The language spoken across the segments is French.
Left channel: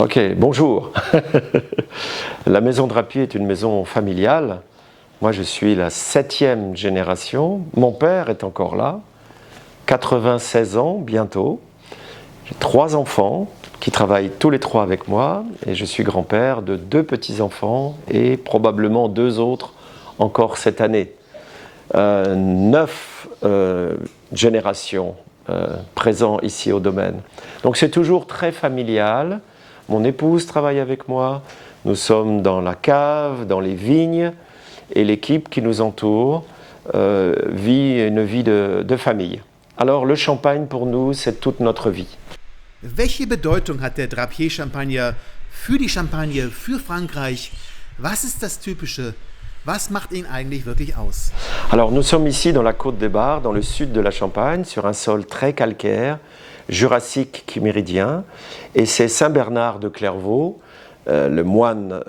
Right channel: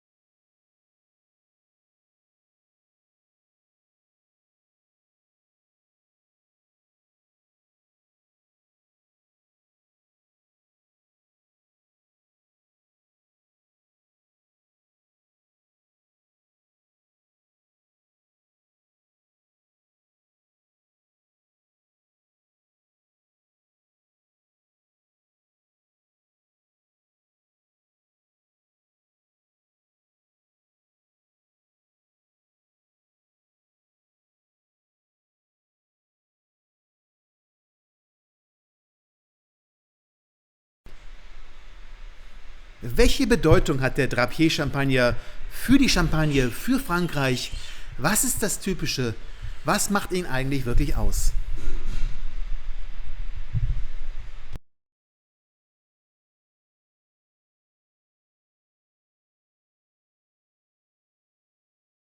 Ok, bonjour. La maison Drapier est une maison familiale. Moi, je suis la 7e génération. Mon père est encore là, 96 ans bientôt. J'ai 3 enfants qui travaillent tous les 3 avec moi et je suis grand-père de 2 petits-enfants et probablement 2 autres encore cette année. 9 générations présentes ici au domaine. Donc c'est toujours très familial. Mon épouse travaille avec moi. Nous sommes dans la cave, dans les vignes et l'équipe qui nous entoure vit une vie de famille. Alors le champagne pour nous, c'est toute notre vie. Welche Bedeutung hat der Drapier-Champagner für die Champagne, für Frankreich? Was ist das Typische? Was macht ihn eigentlich wirklich aus? Alors nous sommes ici dans la Côte des Bar, dans le sud de la Champagne, sur un sol très calcaire, jurassique chiméridien, et c'est Saint-Bernard de Clairvaux, le moine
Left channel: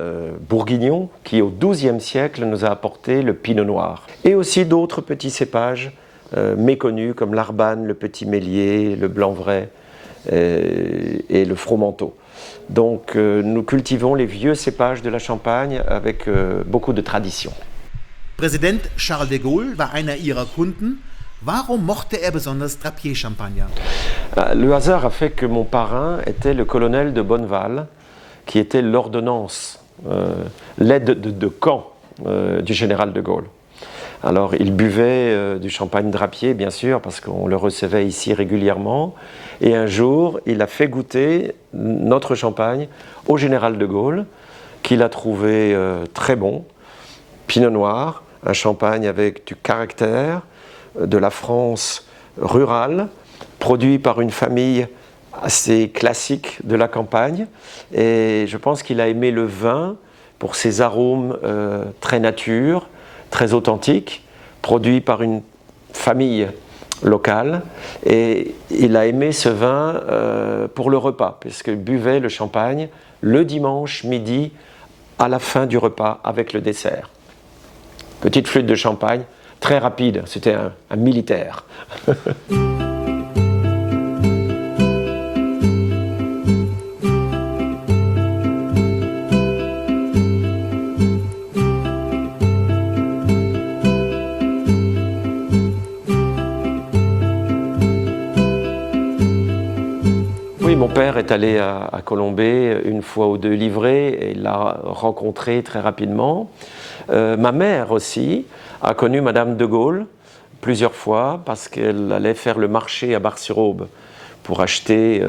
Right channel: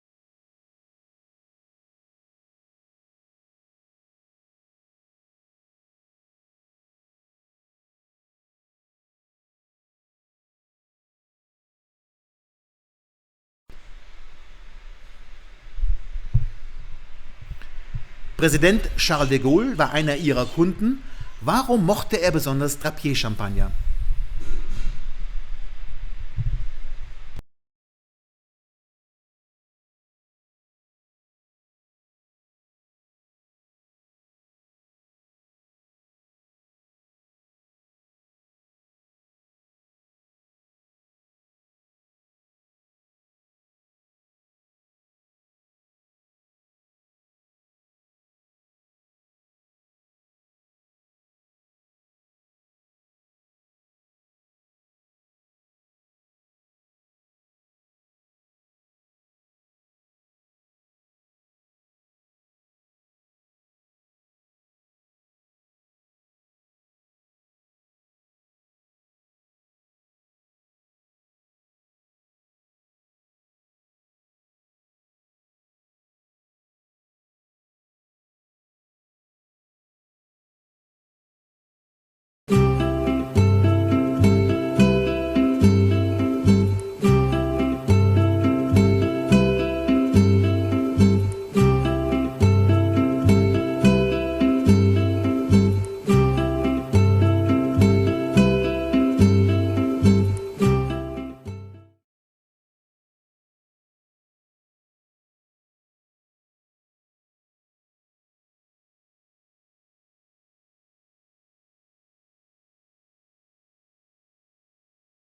bourguignon, qui au XIIe siècle nous a apporté le pinot noir. Et aussi d'autres petits cépages méconnus comme l'Arbane, le petit Mélier, le Blanc-Vrai et le Fromenteau. Donc nous cultivons les vieux cépages de la Champagne avec beaucoup de tradition. Präsident Charles de Gaulle war einer ihrer Kunden. Warum mochte er besonders Drapier-Champagner? Le hasard a fait que mon parrain était le colonel de Bonneval, qui était l'ordonnance, l'aide de camp du général de Gaulle. Alors il buvait du champagne Drapier, bien sûr, parce qu'on le recevait ici régulièrement. Et un jour, il a fait goûter notre champagne au général de Gaulle, qu'il a trouvé très bon. Pinot noir, un champagne avec du caractère, de la France rurale, produit par une famille assez classique de la campagne. Et je pense qu'il a aimé le vin pour ses arômes très nature, très authentiques, produits par une famille locale. Et il a aimé ce vin pour le repas, puisqu'il buvait le champagne le dimanche midi à la fin du repas avec le dessert. Petite flûte de champagne, très rapide, c'était un militaire. Est allé à Colombey une fois ou 2 livrées et il l'a rencontré très rapidement. Ma mère aussi a connu Madame de Gaulle plusieurs fois parce qu'elle allait faire le marché à Bar-sur-Aube pour acheter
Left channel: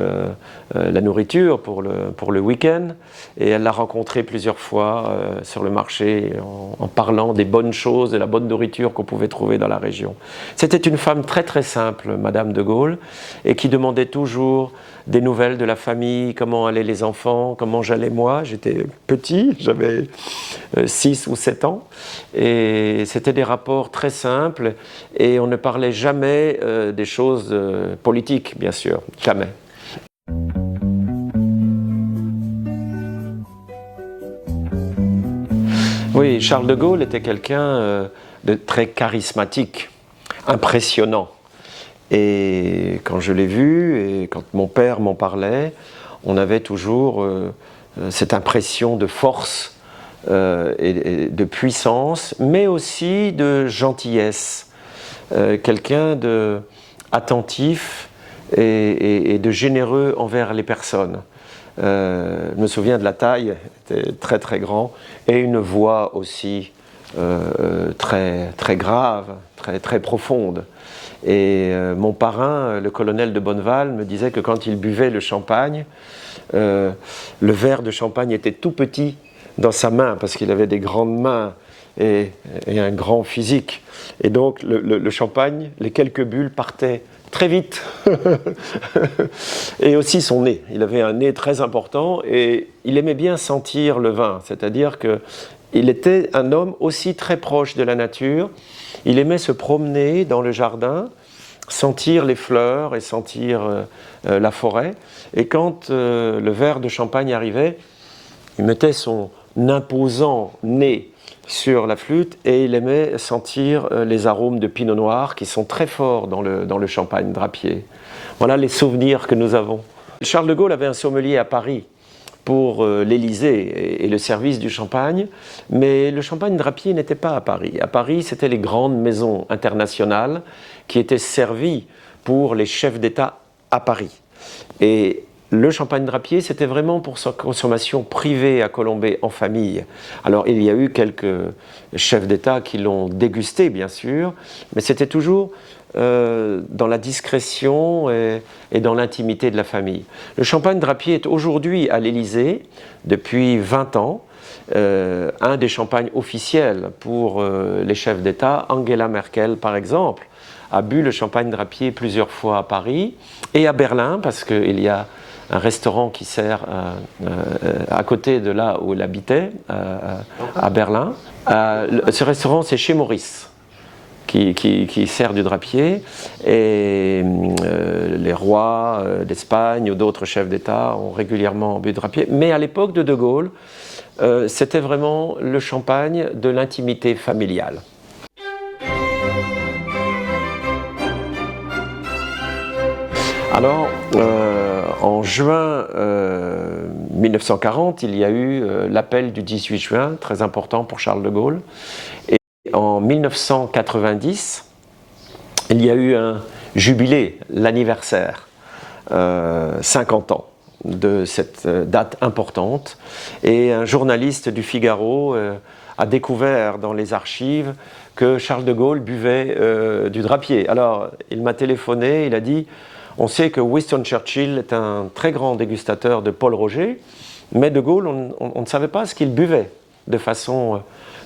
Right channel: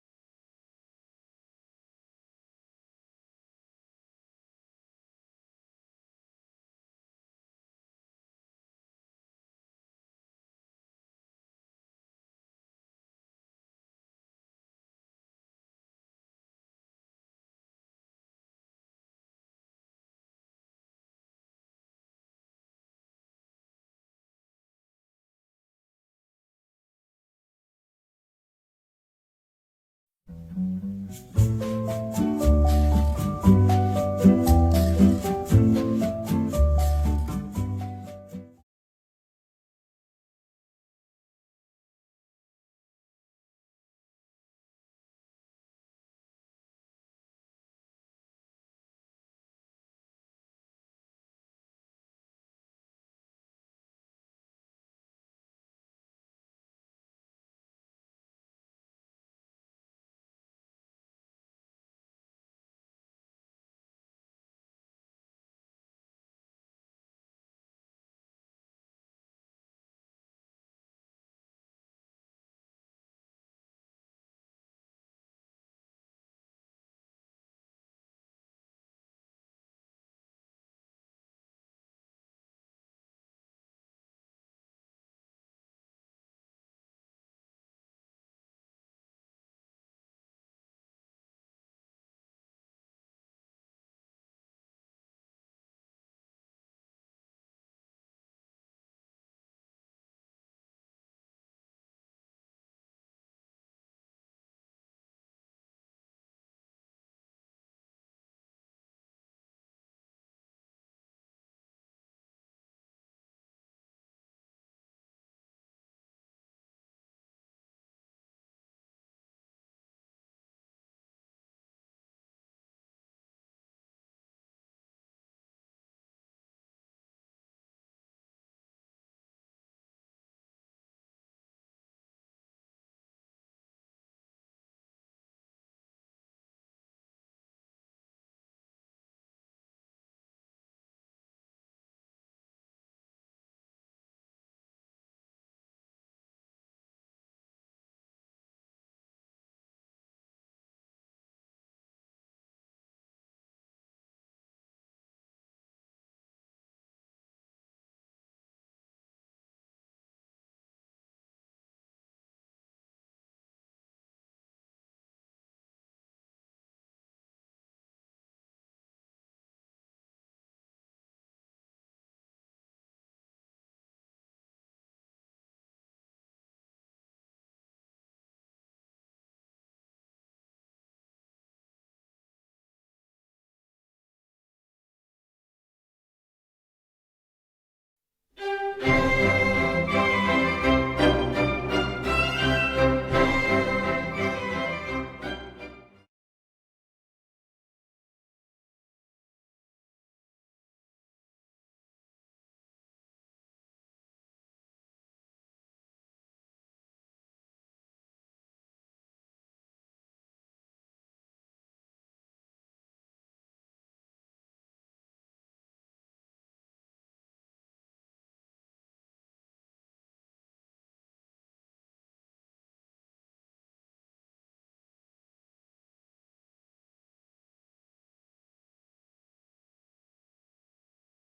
la nourriture pour le week-end, et elle l'a rencontré plusieurs fois sur le marché en parlant des bonnes choses, de la bonne nourriture qu'on pouvait trouver dans la région. C'était une femme très très simple, Madame de Gaulle, et qui demandait toujours des nouvelles de la famille, comment allaient les enfants, comment j'allais moi. J'étais petit, j'avais 6 ou 7 ans, et c'était des rapports très simples, et on ne parlait jamais des choses politiques, bien sûr, jamais. Oui, Charles de Gaulle était quelqu'un de très charismatique, impressionnant. Et quand je l'ai vu, et quand mon père m'en parlait, on avait toujours cette impression de force et de puissance, mais aussi de gentillesse. Quelqu'un d'attentif et de généreux envers les personnes. Je me souviens de la taille, il était très très grand, et une voix aussi très, très grave, très, très profonde. Et mon parrain, le colonel de Bonneval, me disait que quand il buvait le champagne, le verre de champagne était tout petit dans sa main, parce qu'il avait des grandes mains et un grand physique. Et donc le champagne, les quelques bulles partaient très vite. Et aussi son nez. Il avait un nez très important et il aimait bien sentir le vin, c'est-à-dire qu'il était un homme aussi très proche de la nature. Il aimait se promener dans le jardin, sentir les fleurs et sentir la forêt. Et quand le verre de champagne arrivait, il mettait son imposant nez sur la flûte et il aimait sentir les arômes de pinot noir qui sont très forts dans le champagne Drapier. Voilà les souvenirs que nous avons. Charles de Gaulle avait un sommelier à Paris pour l'Élysée et le service du champagne, mais le champagne drapier n'était pas à Paris. À Paris, c'était les grandes maisons internationales qui étaient servies pour les chefs d'État à Paris. Et le champagne drapier, c'était vraiment pour sa consommation privée à Colombey en famille. Alors, il y a eu quelques chefs d'État qui l'ont dégusté, bien sûr, mais c'était toujours dans la discrétion et dans l'intimité de la famille. Le champagne drapier est aujourd'hui à l'Élysée, depuis 20 ans, un des champagnes officiels pour les chefs d'État. Angela Merkel, par exemple, a bu le champagne drapier plusieurs fois à Paris et à Berlin, parce qu'il y a un restaurant qui sert à côté de là où elle habitait, à Berlin. Ce restaurant, c'est chez Maurice, qui sert du drapier. Et les rois d'Espagne ou d'autres chefs d'État ont régulièrement bu de drapier. Mais à l'époque de De Gaulle, c'était vraiment le champagne de l'intimité familiale. Alors, en juin 1940, il y a eu l'appel du 18 juin, très important pour Charles de Gaulle. Et en 1990, il y a eu un jubilé, l'anniversaire, 50 ans de cette date importante. Et un journaliste du Figaro a découvert dans les archives que Charles de Gaulle buvait du drapier. Alors, il m'a téléphoné, il a dit: on sait que Winston Churchill est un très grand dégustateur de Paul Roger, mais de Gaulle, on ne savait pas ce qu'il buvait de façon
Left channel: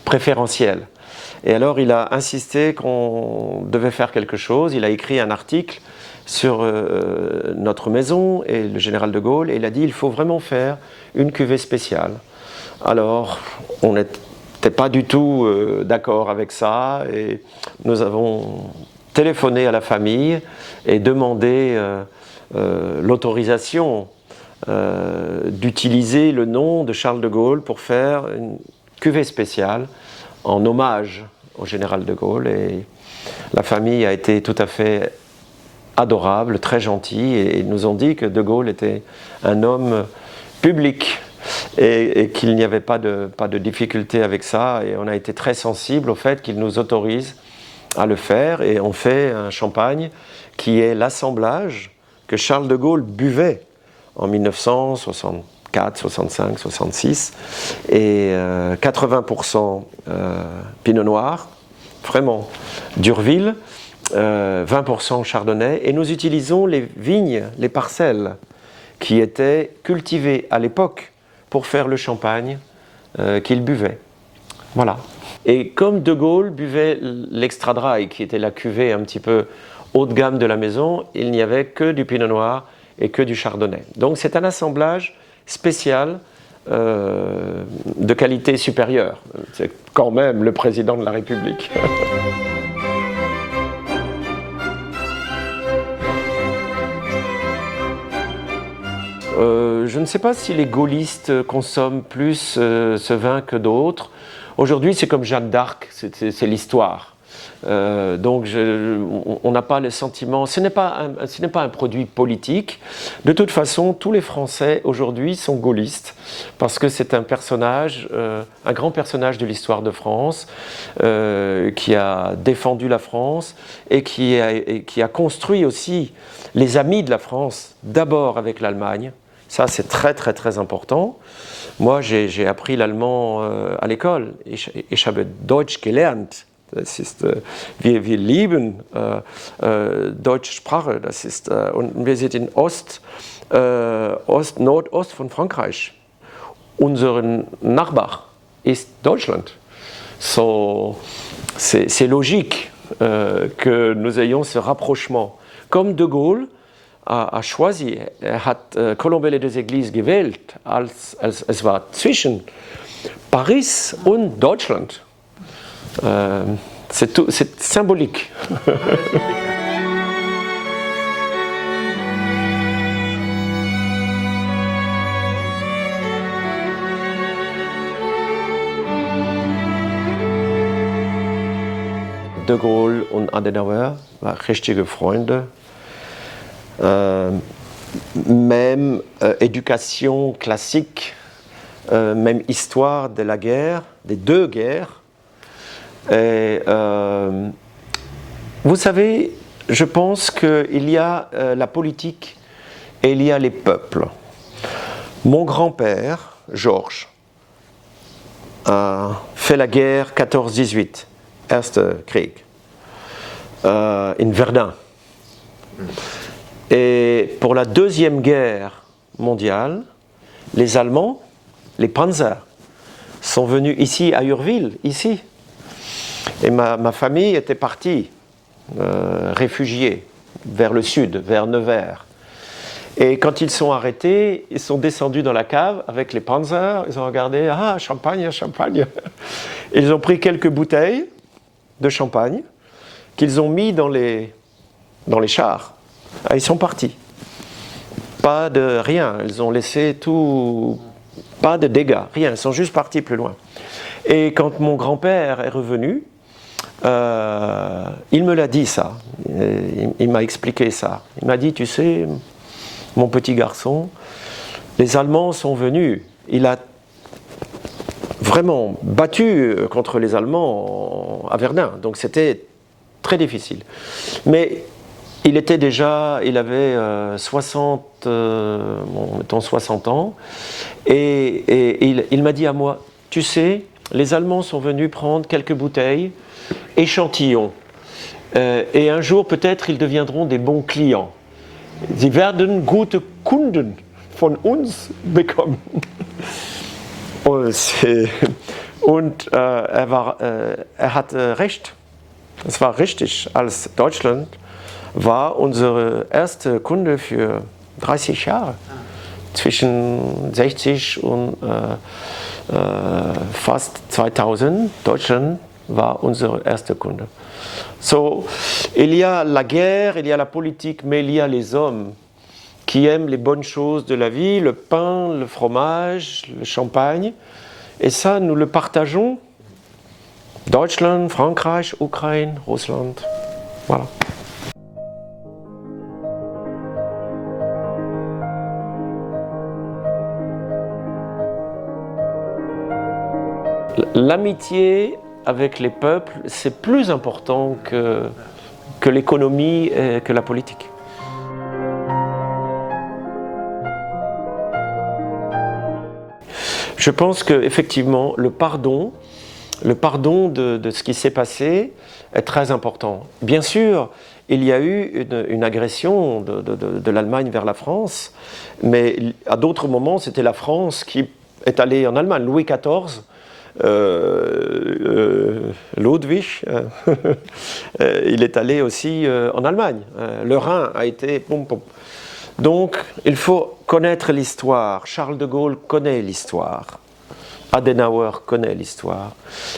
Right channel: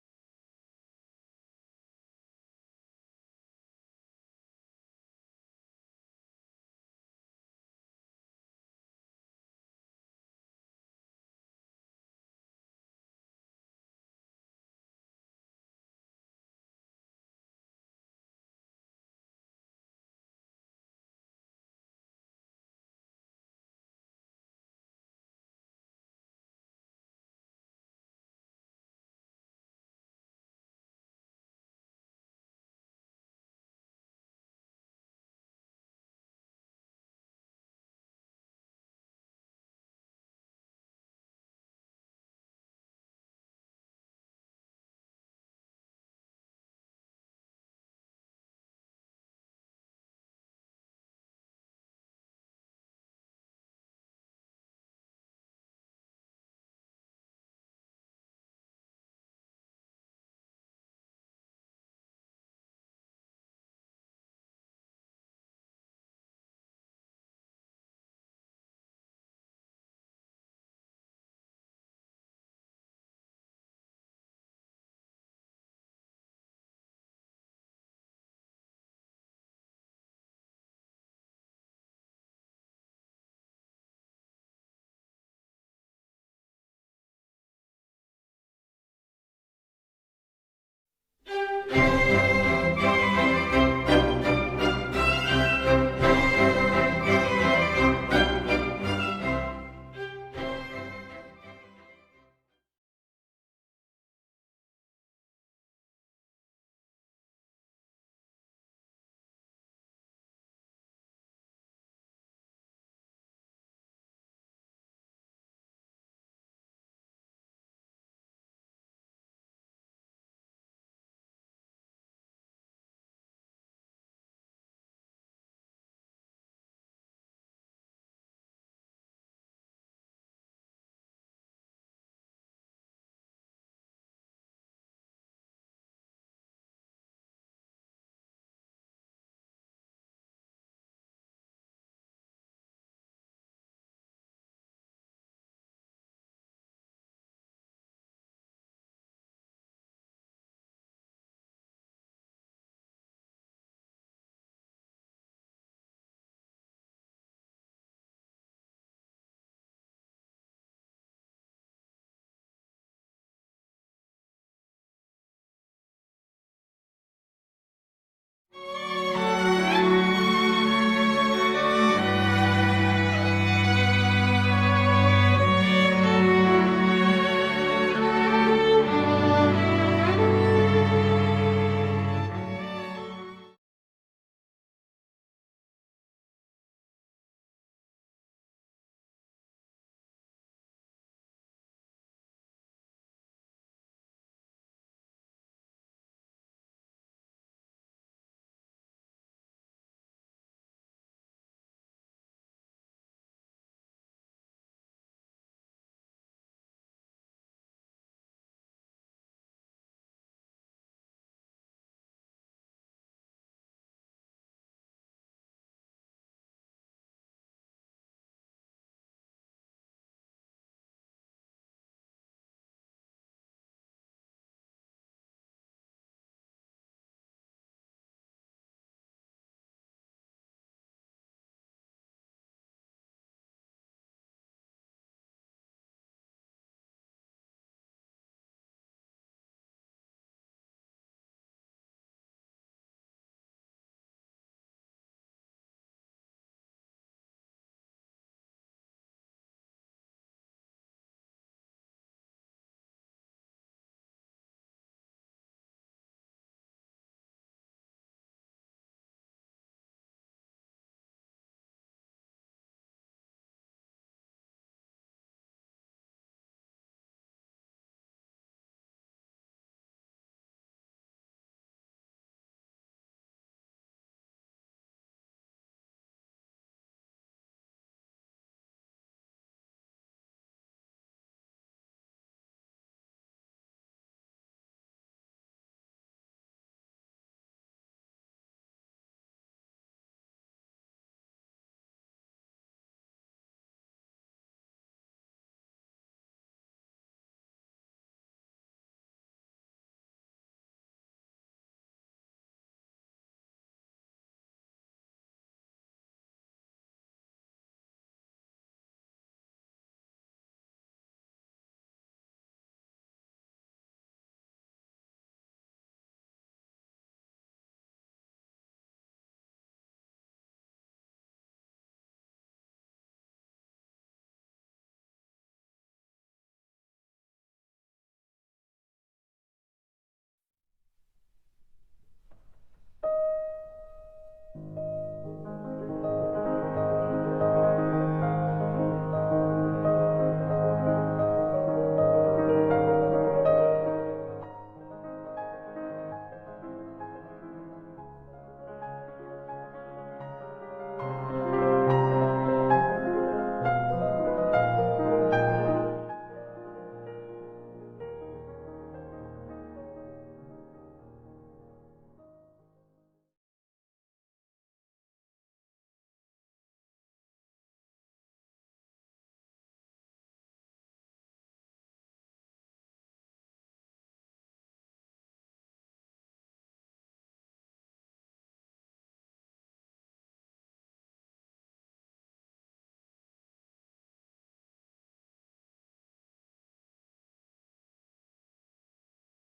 préférentielle. Et alors, il a insisté qu'on devait faire quelque chose. Il a écrit un article sur notre maison et le général de Gaulle, et il a dit: il faut vraiment faire une cuvée spéciale. Alors, on n'était pas du tout d'accord avec ça, et nous avons téléphoné à la famille et demandé l'autorisation d'utiliser le nom de Charles de Gaulle pour faire une cuvée spéciale en hommage au général de Gaulle. Et la famille a été tout à fait adorable, très gentil, et ils nous ont dit que de Gaulle était un homme public et qu'il n'y avait pas de difficulté avec ça. Et on a été très sensible au fait qu'ils nous autorisent à le faire, et on fait un champagne qui est l'assemblage que Charles de Gaulle buvait en 1964, 65, 66, et 80% Pinot Noir, vraiment d'Urville, 20% Chardonnay, et nous utilisons les vignes, les parcelles qui étaient cultivées à l'époque pour faire le champagne qu'il buvait. Voilà. Et comme de Gaulle buvait l'extra dry, qui était la cuvée un petit peu haut de gamme de la maison, il n'y avait que du Pinot Noir et que du Chardonnay. Donc c'est un assemblage spécial de qualité supérieure. C'est quand même le président de la République. Je ne sais pas si les gaullistes consomment plus ce vin que d'autres. Aujourd'hui, c'est comme Jeanne d'Arc, c'est l'histoire. Donc, on n'a pas le sentiment. Ce n'est pas un produit politique. De toute façon, tous les Français aujourd'hui sont gaullistes parce que c'est un personnage, un grand personnage de l'histoire de France, qui a défendu la France et qui a construit aussi les amis de la France, d'abord avec l'Allemagne. Ça, c'est très, très, très important. Moi, j'ai appris l'allemand à l'école. Ich habe Deutsch gelernt. Das ist, wir lieben deutsche Sprache. Das ist, und wir sind in Nordost von Frankreich. Unser Nachbar ist Deutschland. So, c'est logique que nous ayons ce rapprochement. Comme de Gaulle a choisi, hat Colombey les deux églises gewählt, als es war zwischen Paris und Deutschland. C'est symbolique. De Gaulle und Adenauer waren richtige Freunde. même éducation classique, même histoire de la guerre, des deux guerres. Et, vous savez, je pense qu'il y a la politique et il y a les peuples. Mon grand-père, Georges, a fait la guerre 14-18, Erste Krieg, in Verdun. Et pour la Deuxième Guerre mondiale, les Allemands, les Panzers, sont venus ici à Urville, ici. Et ma famille était partie, réfugiée, vers le sud, vers Nevers. Et quand ils sont arrêtés, ils sont descendus dans la cave avec les Panzers, ils ont regardé, ah, champagne, champagne. Ils ont pris quelques bouteilles de champagne qu'ils ont mis dans les chars. Ah, ils sont partis. Pas de rien, ils ont laissé tout, pas de dégâts, rien, ils sont juste partis plus loin. Et quand mon grand-père est revenu, il me l'a dit ça, il m'a expliqué ça. Il m'a dit, tu sais, mon petit garçon, les Allemands sont venus, il a vraiment battu contre les Allemands à Verdun, donc c'était très difficile. Mais il était déjà, il avait 60 ans, et il m'a dit à moi, tu sais, les Allemands sont venus prendre quelques bouteilles, échantillons, et un jour peut-être ils deviendront des bons clients. Sie werden gute Kunden von uns bekommen. Und er hatte recht. Es war richtig, als Deutschland war unsere erste Kunde für 30 Jahre. Zwischen 60 und fast 2000, Deutschland war unsere erste Kunde. So, il y a la guerre, il y a la politique, mais il y a les hommes qui aiment les bonnes choses de la vie, le pain, le fromage, le champagne. Et ça, nous le partageons. Deutschland, Frankreich, Ukraine, Russland. Voilà. L'amitié avec les peuples, c'est plus important que l'économie et que la politique. Je pense qu'effectivement, le pardon de ce qui s'est passé est très important. Bien sûr, il y a eu une agression de l'Allemagne vers la France, mais à d'autres moments, c'était la France qui est allée en Allemagne. Louis XIV, Ludwig, il est allé aussi en Allemagne. Le Rhin a été... Donc, il faut connaître l'histoire. Charles de Gaulle connaît l'histoire. Adenauer connaît l'histoire.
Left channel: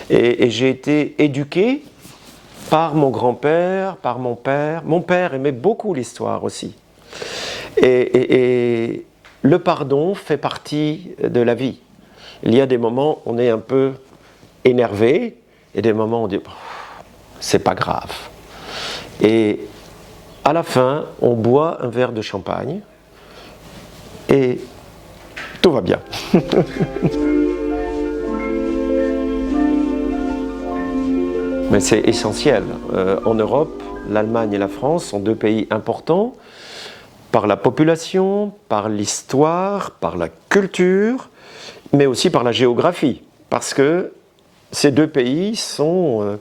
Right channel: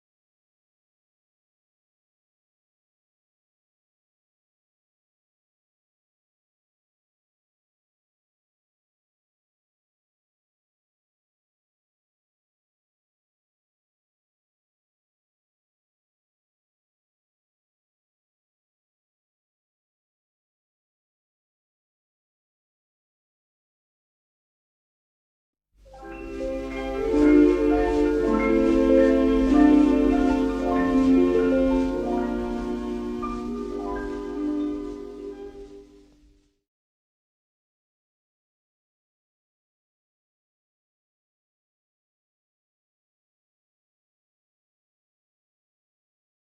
Et j'ai été éduqué par mon grand-père, par mon père. Mon père aimait beaucoup l'histoire aussi. Et le pardon fait partie de la vie. Il y a des moments où on est un peu énervé, et des moments où on dit « c'est pas grave ». Et à la fin, on boit un verre de champagne, et tout va bien. Mais c'est essentiel. En Europe, l'Allemagne et la France sont deux pays importants par la population, par l'histoire, par la culture, mais aussi par la géographie, parce que ces deux pays sont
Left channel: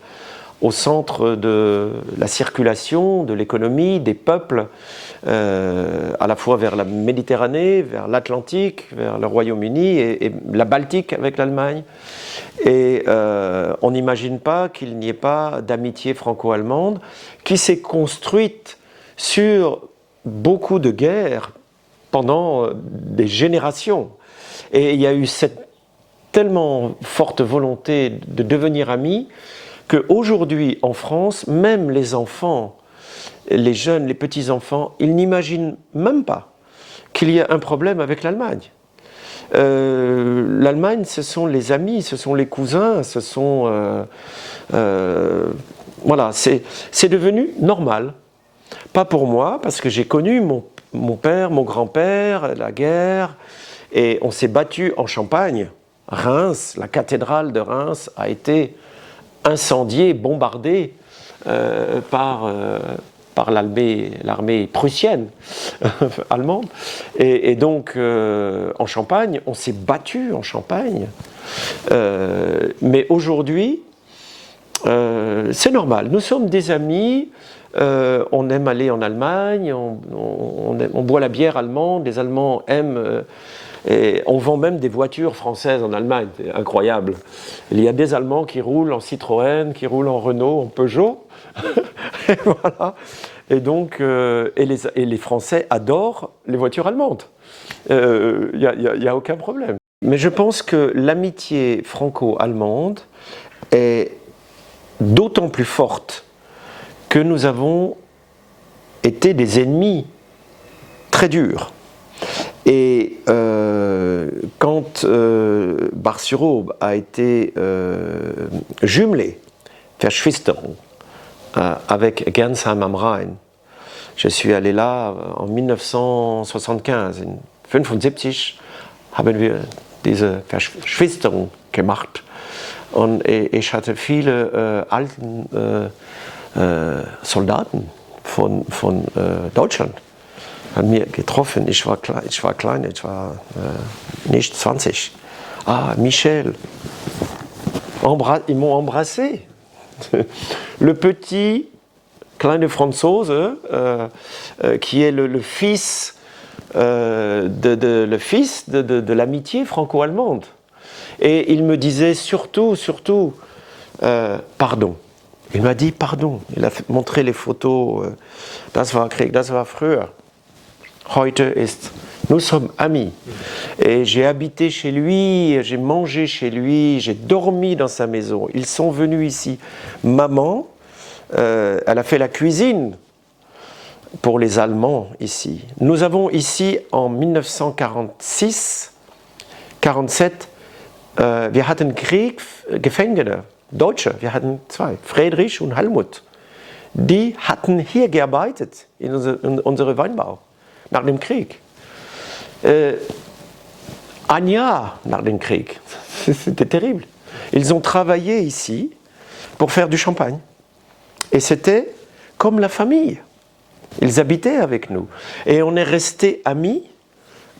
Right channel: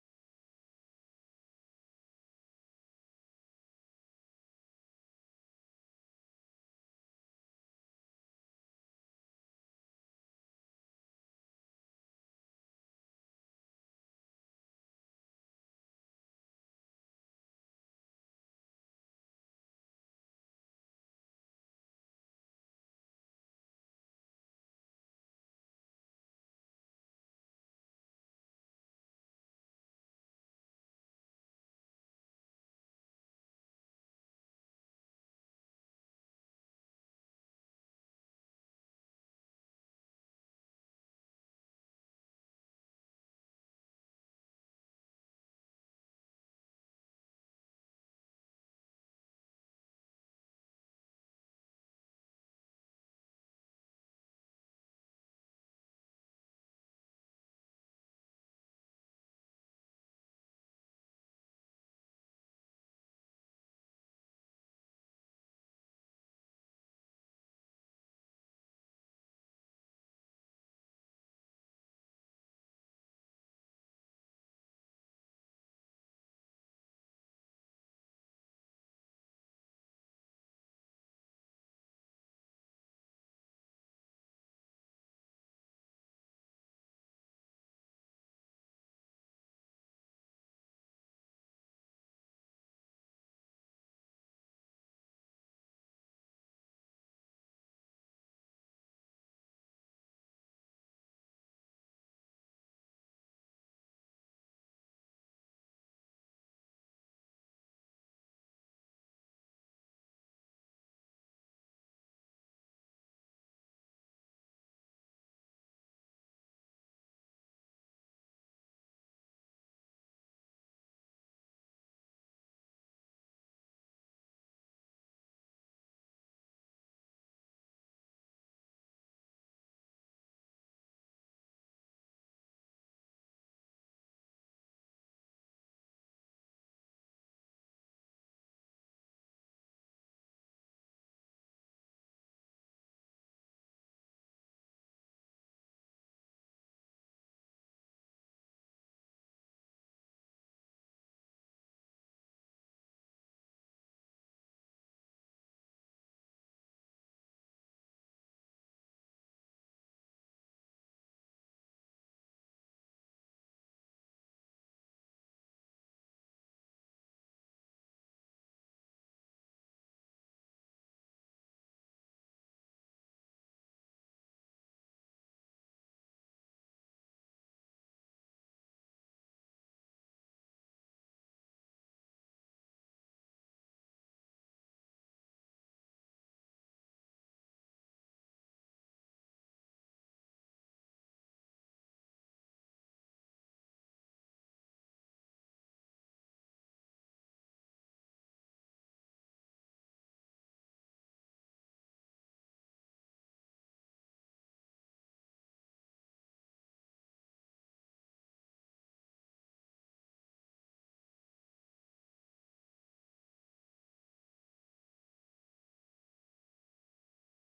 au centre de la circulation, de l'économie, des peuples, à la fois vers la Méditerranée, vers l'Atlantique, vers le Royaume-Uni et la Baltique avec l'Allemagne. Et on n'imagine pas qu'il n'y ait pas d'amitié franco-allemande qui s'est construite sur beaucoup de guerres pendant des générations. Et il y a eu cette tellement forte volonté de devenir amis qu'aujourd'hui en France, même les enfants, les jeunes, les petits-enfants, ils n'imaginent même pas qu'il y a un problème avec l'Allemagne. L'Allemagne, ce sont les amis, ce sont les cousins, ce sont... voilà, c'est devenu normal. Pas pour moi, parce que j'ai connu mon père, mon grand-père, la guerre, et on s'est battu en Champagne. Reims, la cathédrale de Reims a été incendiée, bombardée par l'armée prussienne, allemande. Et donc, en Champagne, on s'est battu en Champagne. Mais aujourd'hui, c'est normal. Nous sommes des amis. On aime aller en Allemagne. On boit la bière allemande. Les Allemands aiment. Et on vend même des voitures françaises en Allemagne. C'est incroyable. Il y a des Allemands qui roulent en Citroën, qui roulent en Renault, en Peugeot. Et voilà. Et donc, et les Français adorent les voitures allemandes. Il n'y a aucun problème. Mais je pense que l'amitié franco-allemande est d'autant plus forte que nous avons été des ennemis très durs. Et quand Bar-sur-Aube a été jumelé, Verschwisterung, avec Gernsheim am Rhein, je suis allé là en 1975. In 1975 haben wir diese Verschwisterung gemacht. Und ich hatte viele alten Soldaten von Deutschland an mir getroffen. Ich war klein, ich war nicht 20. Ah, Michel. Ils m'ont embrassé. Le petit kleine Franzose qui est le fils de l'amitié franco-allemande. Et il me disait surtout, pardon. Il m'a dit pardon. Il a montré les photos. Das war Krieg, das war früher. Heute ist. Nous sommes amis. Et j'ai habité chez lui, j'ai mangé chez lui, j'ai dormi dans sa maison. Ils sont venus ici. Maman, elle a fait la cuisine pour les Allemands ici. Nous avons ici en 1946, 47, wir hatten Krieg, Gefangene, Deutsche, wir hatten zwei, Friedrich und Helmut. Die hatten hier gearbeitet, in unserem Weinbau, nach dem Krieg. Un Jahr nach dem Krieg, c'était terrible. Ils ont travaillé ici pour faire du champagne. Et c'était comme la famille. Ils habitaient avec nous. Et on est restés amis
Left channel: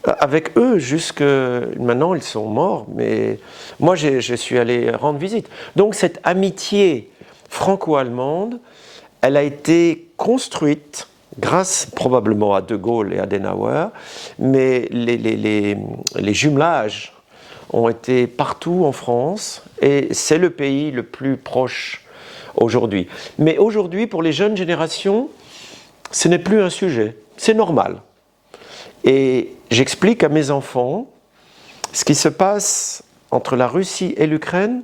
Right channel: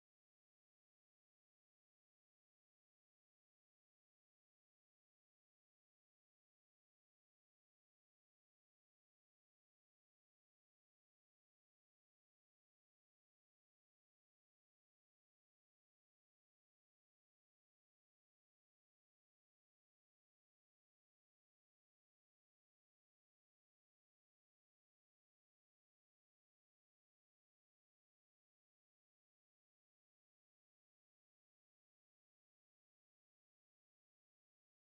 avec eux jusque... Maintenant, ils sont morts, mais moi, je suis allé rendre visite. Donc, cette amitié franco-allemande, elle a été construite grâce probablement à De Gaulle et Adenauer, mais les jumelages ont été partout en France, et c'est le pays le plus proche aujourd'hui. Mais aujourd'hui, pour les jeunes générations, ce n'est plus un sujet, c'est normal. Et j'explique à mes enfants, ce qui se passe entre la Russie et l'Ukraine,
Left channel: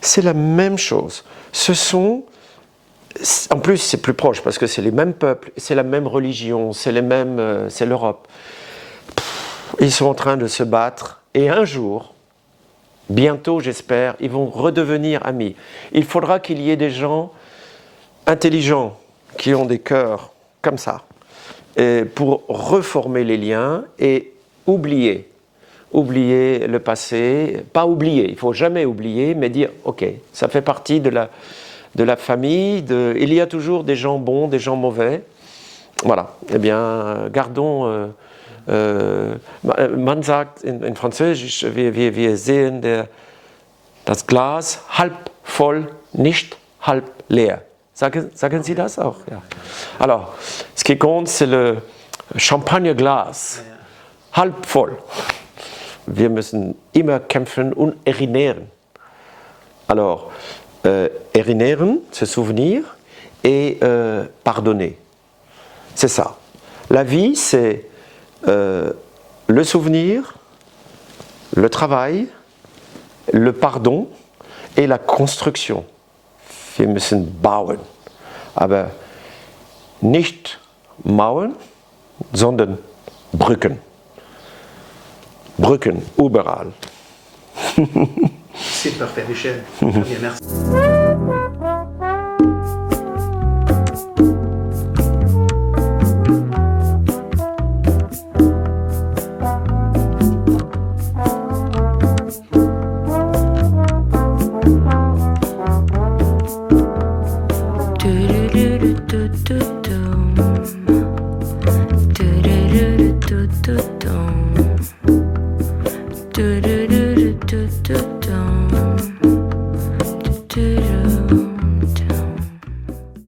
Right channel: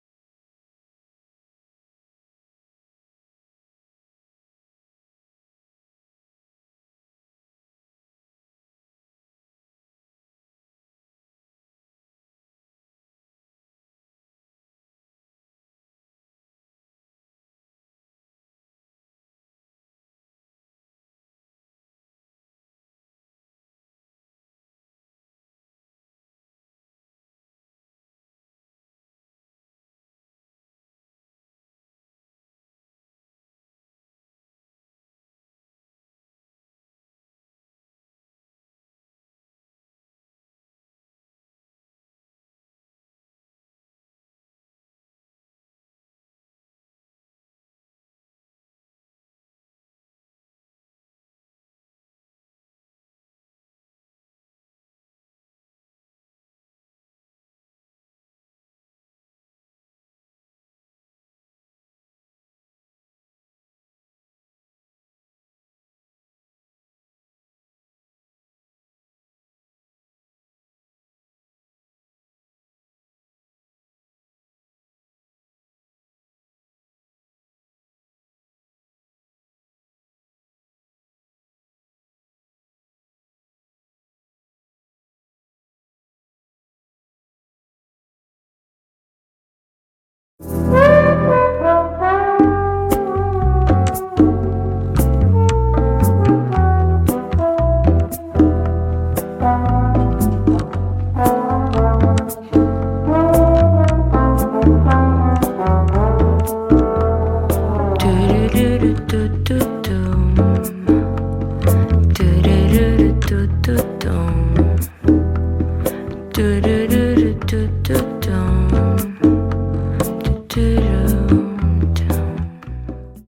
c'est la même chose. En plus, c'est plus proche parce que c'est les mêmes peuples, c'est la même religion, c'est l'Europe. Ils sont en train de se battre et un jour, bientôt j'espère, ils vont redevenir amis. Il faudra qu'il y ait des gens intelligents qui ont des cœurs comme ça pour reformer les liens et oublier le passé. Pas oublier, il ne faut jamais oublier, mais dire ok, ça fait partie de la famille, il y a toujours des gens bons, des gens mauvais. Voilà, eh bien, gardons... man sagt in Französisch, wir sehen das Glas halb voll, nicht halb leer. Sagen Sie das auch? Ja. Alors, ce qui compte, c'est le Champagnerglas, halb voll. Wir müssen immer kämpfen und erinnern. Alors, erinnern, se souvenir, et pardonner. C'est ça. La vie, c'est le souvenir, le travail, le pardon et la construction. Wir müssen bauen. Aber nicht Mauern, sondern Brücken. Brücken, überall. C'est parfait, Michel. Très bien, merci.